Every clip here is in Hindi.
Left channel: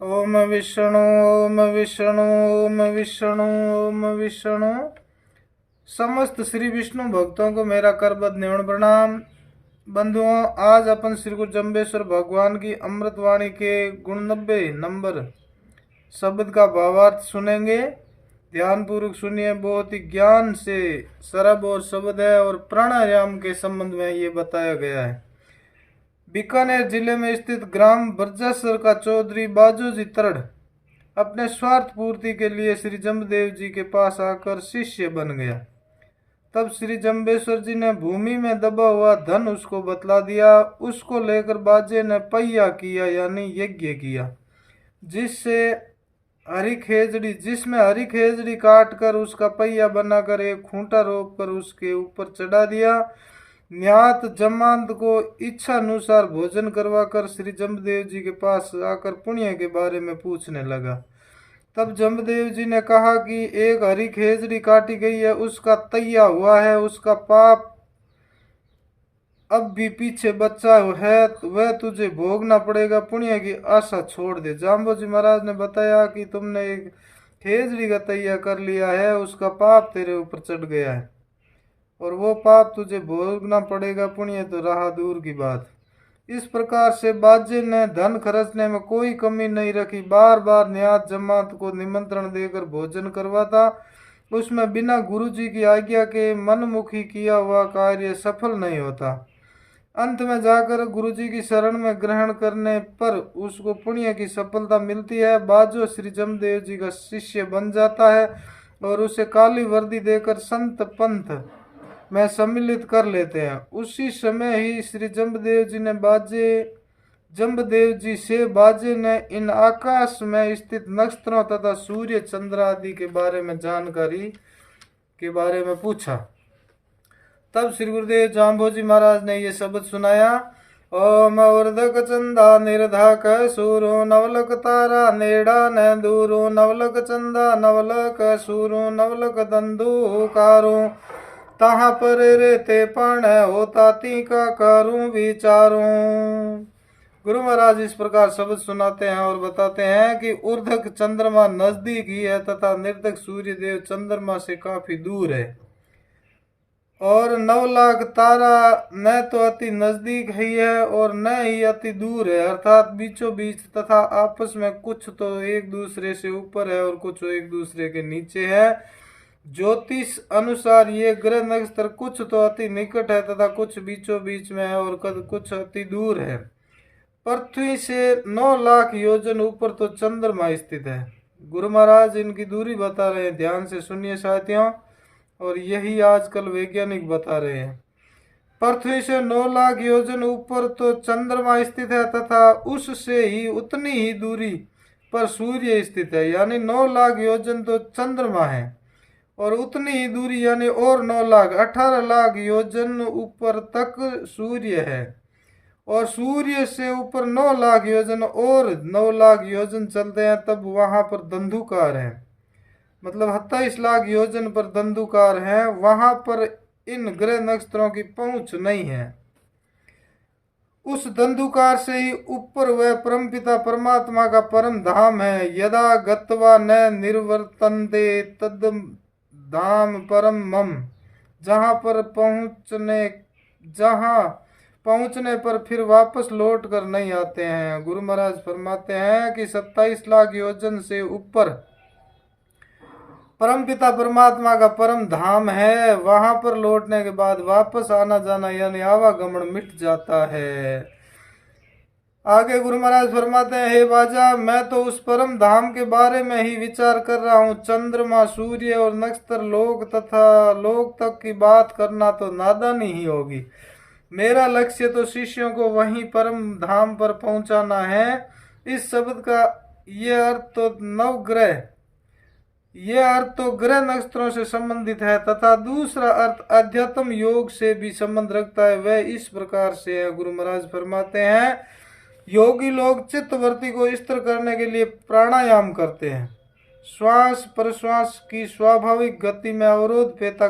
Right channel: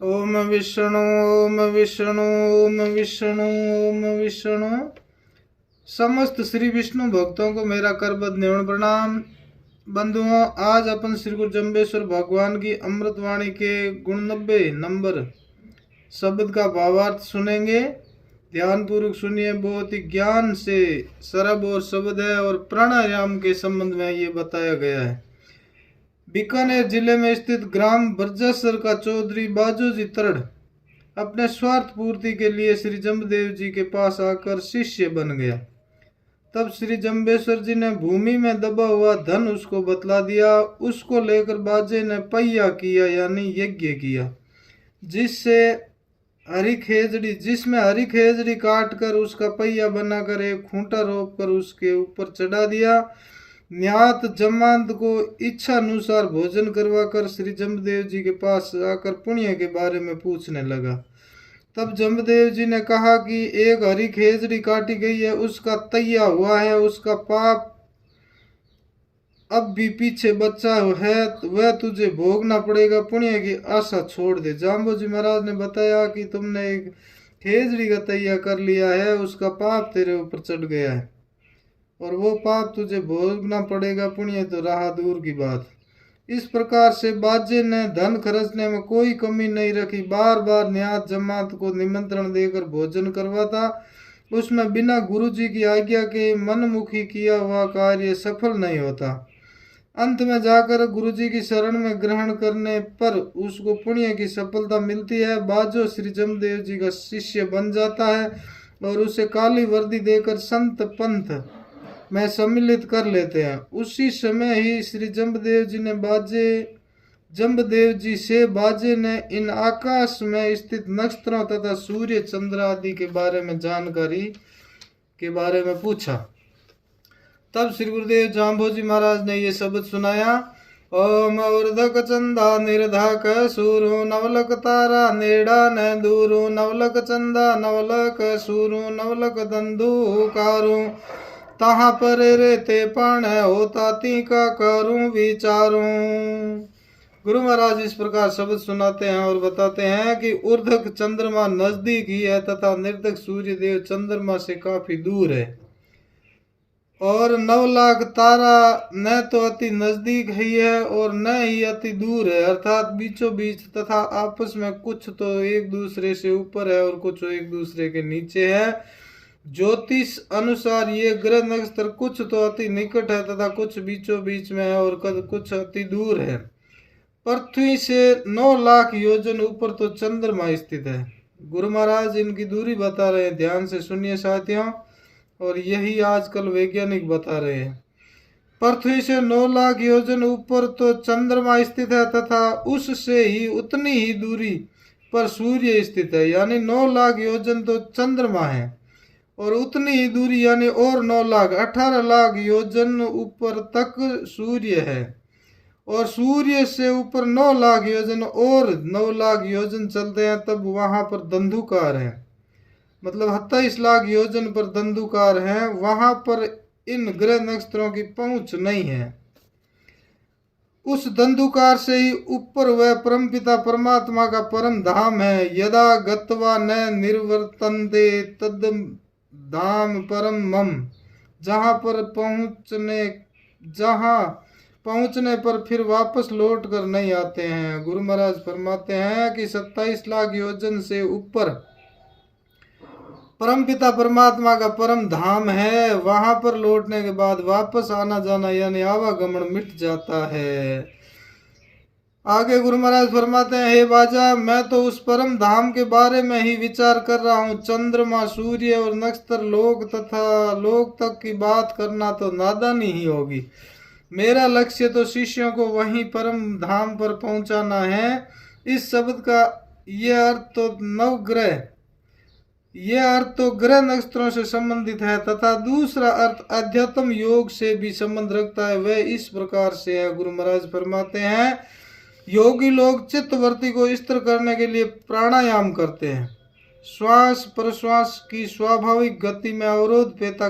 ओम विष्णु ओम विष्णु ओम विष्णु ओम विष्णु। समस्त श्री विष्णु भक्तों को मेरा करबद्ध निवण प्रणाम। बंधुओं, आज अपन श्री गुरु जम्बेश्वर भगवान की अमृतवाणी के गुण 90 नंबर शब्द का भावार्थ सुनेंगे। ध्यान पूर्वक सुनिए। बहुत ही ज्ञान से सरब और शब्द है और प्राणायाम के संबंध में ये बताया गया है। बीकानेर जिले में स्थित ग्राम बरजासर का चौधरी बाजूजी तरड़ अपने स्वार्थ पूर्ति के लिए श्री जम्बदेव जी के पास आकर शिष्य बन गया। तब श्री जम्बेश्वर जी ने भूमि में दबा हुआ धन उसको बतला दिया। उसको लेकर बाजे ने पहिया किया यानी यज्ञ किया, जिसमें हरी खेजड़ी काट कर उसका पहिया बनाकर एक खूंटा रोप कर उसके ऊपर चढ़ा दिया। न्यात जमात को इच्छा अनुसार भोजन करवाकर श्री जम्बदेव जी के पास आकर पुण्य के बारे में पूछने लगा। तब जम्बदेव जी ने कहा कि एक हरी खेजड़ी काटी गई है, उसका तैया हुआ है, उसका पाप अब भी पीछे बच्चा है, वह तुझे भोगना पड़ेगा। पुण्य की आशा छोड़ दे। जाम्बोजी महाराज ने बताया कि तुमने एक खेजड़ी का तैया कर लिया है, उसका पाप तेरे ऊपर चढ़ गया है और वो पाप तुझे भोगना पड़ेगा। पुण्य तो रहा दूर की बात। इस प्रकार से बाजे ने धन खर्चने में कोई कमी नहीं रखी। बार बार न्यात जमात को निमंत्रण देकर भोजन करवाता। उसमें बिना गुरु जी की आज्ञा के मनमुखी किया हुआ कार्य सफल नहीं होता। अंत में जाकर गुरु जी की शरण में ग्रहण करने पर उसको पुण्य की सफलता मिलती है। बाजो श्री जमदेव जी का शिष्य बन जाता है और उसे काली वर्दी देकर संत पंथ में सम्मिलित कर लेते हैं। उसी समय ही श्री जम्बदेव जी से बाजे ने इन आकाश में स्थित नक्षत्रों तथा सूर्य चंद्र आदि के बारे में जानकारी के बारे में पूछा। तब श्री गुरुदेव जाम्बोजी महाराज ने ये शब्द सुनाया। ओम वर्धक चंदा निर्धक सूरो नवलक तारा नेड़ा न दूरो नवलक चंदा नवलक सूरो नवलक दंदू कारो तहाँ पर रेते पण होता ती का करूं विचारूं। गुरु महाराज इस प्रकार शब्द सुनाते हैं और बताते हैं कि ऊर्ध्वक चंद्रमा नजदीक ही है तथा निर्धक सूर्य देव चंद्रमा से काफी दूर है और 9 लाख तारा न तो अति नजदीक ही है और न ही अति दूर है, अर्थात बीचों बीच तथा आपस में कुछ तो एक दूसरे से ऊपर है और कुछ एक दूसरे के नीचे है। ज्योतिष अनुसार ये ग्रह नक्षत्र कुछ तो अति निकट है तथा कुछ बीचों बीच में है और कुछ अति दूर है। पृथ्वी से 9 लाख योजन ऊपर तो चंद्रमा स्थित है। गुरु महाराज इनकी दूरी बता रहे हैं, ध्यान से सुनिए साथियों। और यही आजकल वैज्ञानिक बता रहे हैं। पृथ्वी से 9 लाख योजन ऊपर तो चंद्रमा स्थित है तथा उससे ही उतनी ही दूरी पर सूर्य स्थित है, यानी 9 लाख योजन तो चंद्रमा है और उतनी ही दूरी यानी और 9 लाख 18 लाख योजन ऊपर तक सूर्य है और सूर्य से ऊपर 9 लाख योजन और 9 लाख योजन चलते हैं तब वहां पर धंधुकार है, मतलब 27 लाख योजन पर धंधुकार है। वहां पर इन ग्रह नक्षत्रों की पहुंच नहीं है। उस धंधुकार से ही ऊपर वह परमपिता परमात्मा का परम धाम है। यदा गत्वा न निर्वर्तन्ते तद धाम परम मम, जहां पहुंचने पर फिर वापस लौट कर नहीं आते हैं। गुरु महाराज फरमाते हैं कि 27 लाख योजन से ऊपर परमपिता परमात्मा का परम धाम है। वहां पर लौटने के बाद वापस आना जाना यानी आवागमन मिट जाता है। आगे गुरु महाराज फरमाते हैं, हे बाजा, मैं तो उस परम धाम के बारे में ही विचार कर रहा हूँ। चंद्रमा सूर्य और नक्षत्र लोक तथा लोक तक की बात करना तो नादानी ही होगी। मेरा लक्ष्य तो शिष्यों को वहीं परम धाम पर पहुंचाना है। इस शब्द का ये अर्थ तो ग्रह नक्षत्रों से संबंधित है तथा दूसरा अर्थ अध्यात्म योग से भी संबंध रखता है। वह इस प्रकार से है। गुरु महाराज फरमाते हैं, योगी लोग चित्तवृत्ति को स्थिर करने के लिए प्राणायाम करते हैं। श्वास प्रश्वास की स्वाभाविक गति में अवरोध पैदा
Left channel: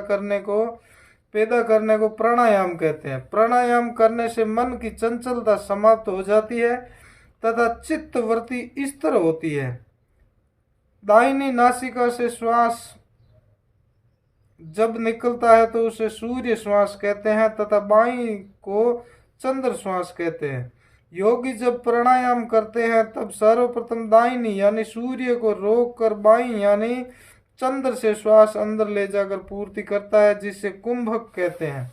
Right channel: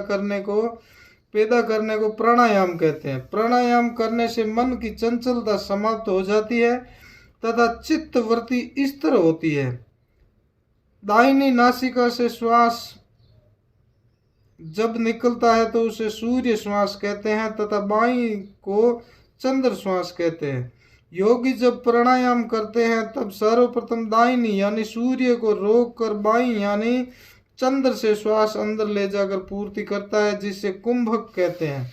करने को प्राणायाम कहते हैं। प्राणायाम करने से मन की चंचलता समाप्त हो जाती है तथा चित्तवृत्ति स्थिर होती है। दाहिनी नासिका से श्वास जब निकलता है तो उसे सूर्य श्वास कहते हैं तथा बाईं को चंद्र श्वास कहते हैं। योगी जब प्राणायाम करते हैं तब सर्वप्रथम दाहिनी यानी सूर्य को रोक कर बाईं यानी चंद्र से श्वास अंदर ले जाकर पूर्ति करता है, जिसे कुंभक कहते हैं।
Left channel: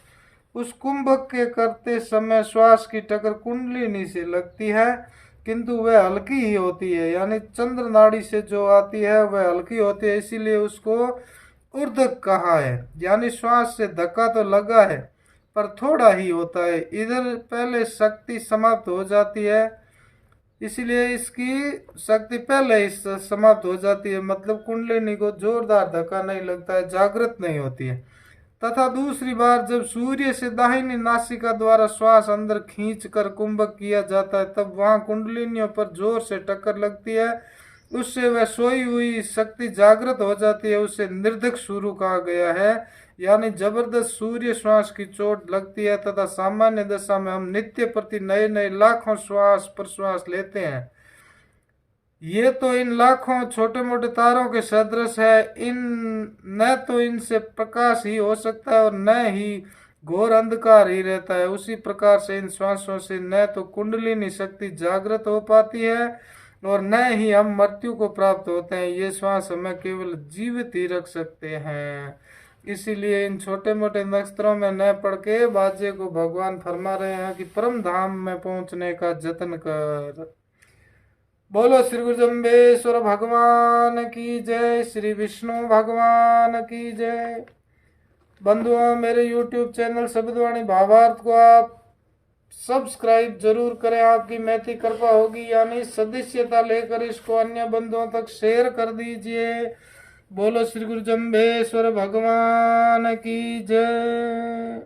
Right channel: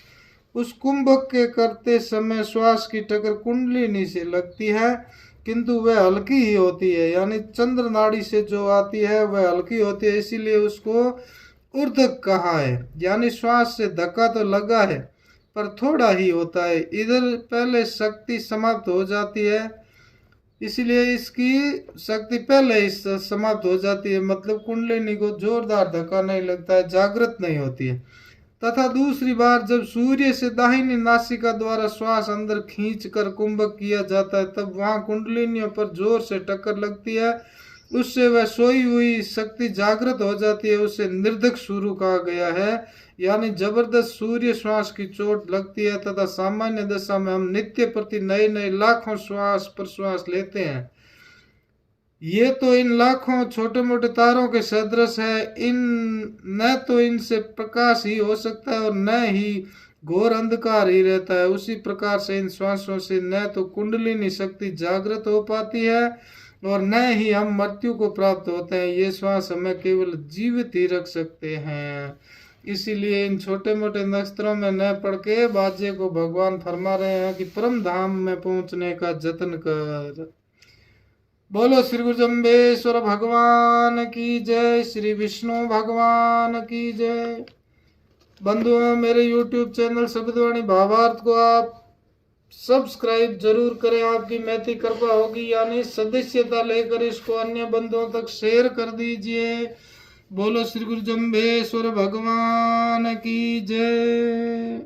उस कुंभक के करते समय श्वास की टक्कर कुंडलिनी से लगती है, किंतु वह हल्की ही होती है, यानी चंद्र नाड़ी से जो आती है वह हल्की होती है, इसीलिए उसको ऊर्ध्वक कहा है। यानी श्वास से धक्का तो लगा है पर थोड़ा ही होता है, इधर पहले शक्ति समाप्त हो जाती है, इसलिए इसकी शक्ति पहले ही समाप्त हो जाती है, मतलब कुंडलिनी को जोरदार धक्का नहीं लगता है, जागृत नहीं होती है। तथा दूसरी बार जब सूर्य से दाहिनी नासिका द्वारा श्वास अंदर खींचकर कुंभक किया जाता है तब वहां कुंडलिनियों पर जोर से टक्कर लगती है, उससे वह सोई हुई शक्ति जागृत हो जाती है, उसे निर्धक शुरू कहा गया है। यानी जबरदस्त सूर्य श्वास की चोट लगती है तथा सामान्य दशा में हम नित्य प्रति नए नए लाखों श्वास प्रश्वास लेते हैं। ये तो इन लाखों छोटे मोटे तारों के सदृश है, इन न तो इनसे प्रकाश ही हो सकता है और न ही घोर अंधकार ही रहता है। उसी प्रकार से इन श्वासों से न तो कुंडलिनी शक्ति जागृत हो पाती है और न ही हम मृत्यु को प्राप्त होते हैं। ये श्वास हमें केवल जीवित ही रख सकते हैं। इसीलिए इन छोटे मोटे नक्षत्रों में न पड़ के बाजे को भगवान फरमा रहे हैं कि परम धाम में पहुंचने का जतन कर। बोलो श्री गुरु जम्बेश्वर भगवान की जय, श्री विष्णु भगवान की जय। बंधुओं, मेरे YouTube चैनल शब्दवाणी भावार्थ को आप सब्सक्राइब जरूर करें, आपकी मैत्री कृपा होगी, यानी सदस्यता लेकर इसको अन्य बंधुओं तक शेयर कर दीजिए। बोलो श्री गुरु जम्बेश्वर भगवान की जय।